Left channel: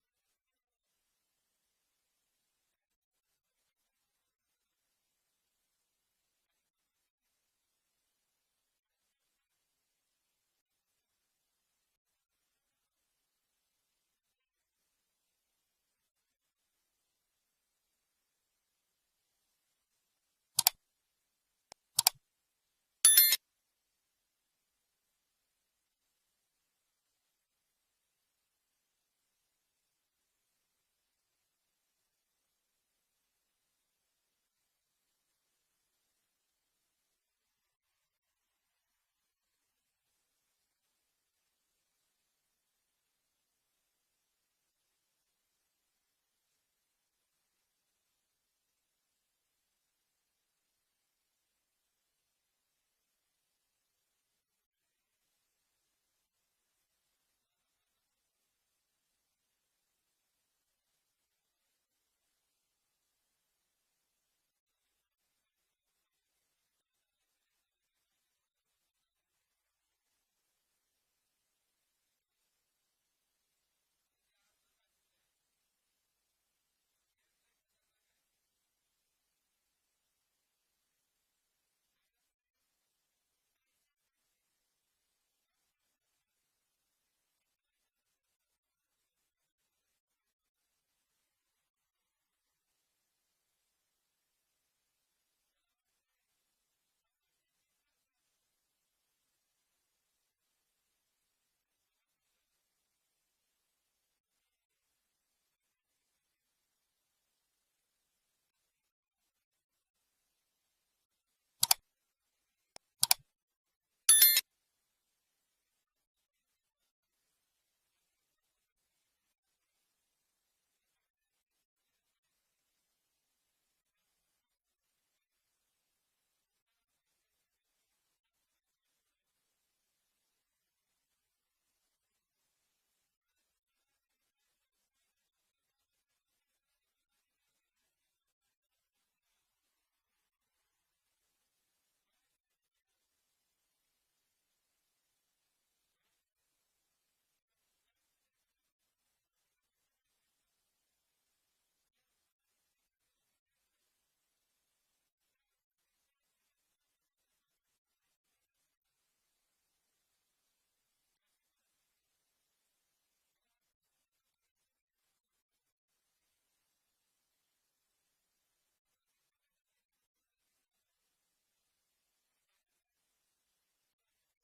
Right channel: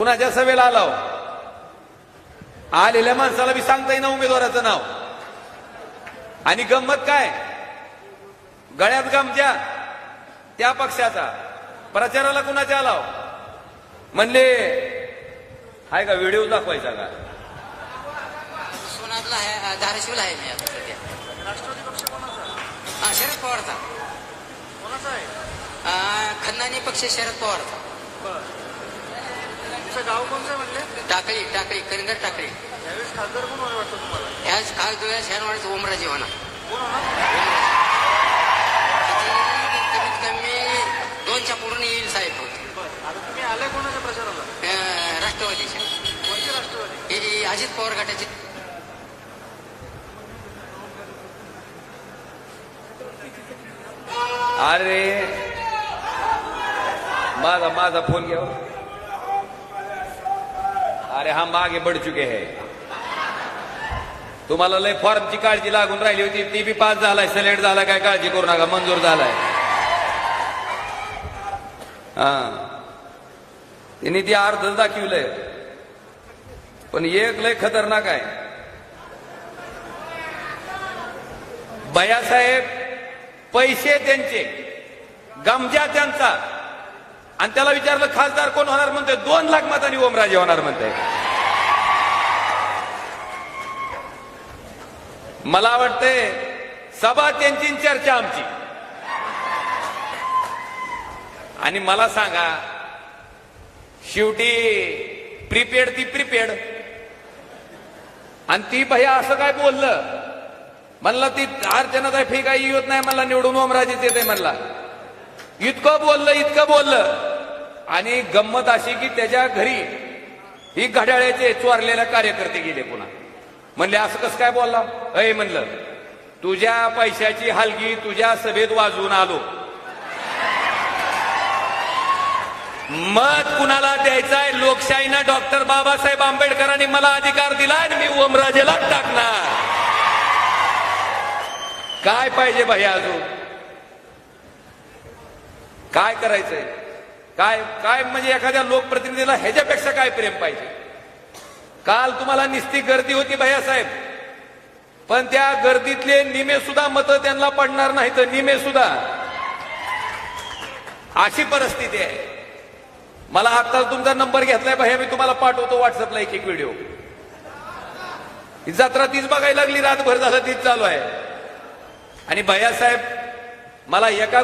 कुणाच्या सभेला आलो आलेल्या माणसाला बी सांगता येईना उमेदवाराचं नाव आणि गंमत काय गळ्यात गमजा त्या पक्षाचा प्रचाराला कुणाच्या आलाव म्हणले हाय का व्हिडिओ दाखवायचा का सोनातला आहे धाराशिवला आहे मी आता सध्या राष्ट्रवादी पक्ष कोणाचा शरद पवारचा कोणाचा आहे खंदानी पक्ष शरद पवारचा बरं तुमचं गाव कोणतं म्हणले टाकळी टाकळी करिंदर टाकळी यावेळेस खासदार कोण होणार वाटतं तुम्हाला ह्याच खास डोळ्या शहरवाडीचा ओमराजे होणार कोण होणार कमीत कमी 2च्या पुढून येईल साहेब होते बरं आता तुम्ही आलाय कोणाच्या प्रचाराला राष्ट्रवादीच्या कोणते राष्ट्रवादी हे अजित पवार गटाचे अरे माझा माझा फोन घ्या अरे हम आगे बढ़ चुके हैं तुम्हाला लय फॉर्मची काळजी लागून राहिली होती ती बी पास झालाय सिलेक्ट झाला काय काळजी करू नका मंजूर झालाय हा तिने ती अर्ध दाखवलंय पण एक लय खतरनाक आहे भैयासाहेब पैसे त्यांचे गमजा त्यांचा आणि त्याला विचारलं खासदार कोण होणार म्हणते 2 लाख मतांनी ओमराजे होणार म्हणते मला वाटते सभा त्यांची चर्चा आमची आणि मला सांगा शेवटी प्रीपेड ती प्रीपेड आणि ती भैया असं काय बोललं म्हणला ती अर्चनाताई फी काही येत नाही मला निवडून ओमराजेच येते म्हणला इतकं बोललं आणि गंमत अशी की त्याच्या घरी ही घड्याळ्याचे चोरलेले कार्यकर्ते गेले पुन्हा म्हणले असं कसं काय बोलला अय म्हणलं तुझ्या पैशाची हलगी तुझ्या सभेत वाजवून आलो मत कुणाला द्यायचंय लोकशाहीनं डॉक्टर बाबासाहेब आंबेडकरांनी मला अधिकार दिला आणि मी ओमराजेला टाकणार काय पाहिजे भैया अजून काय करायचंय काय काय म्हणजे एखाद्या लोकप्रतिनिधीला ह्याच्यापेक्षा काय प्रेम पाहिजे काल तुम्हाला निस्ती गर्दी होती भैयासाहेब पण त्या गर्दीतले निमे सुद्धा मतं त्यांना पडणार नाही तर निमे सुद्धा अशी परिस्थिती आहे मला आता तुमचा नंबर घेतलाय भैया मी तुम्हाला पाठवतो व्हॉट्सअपला एक व्हिडिओ ही जत्रा तीच बघायला लागली रातभर झालं तीच चालू आहे आणि भैयासाहेब मला एका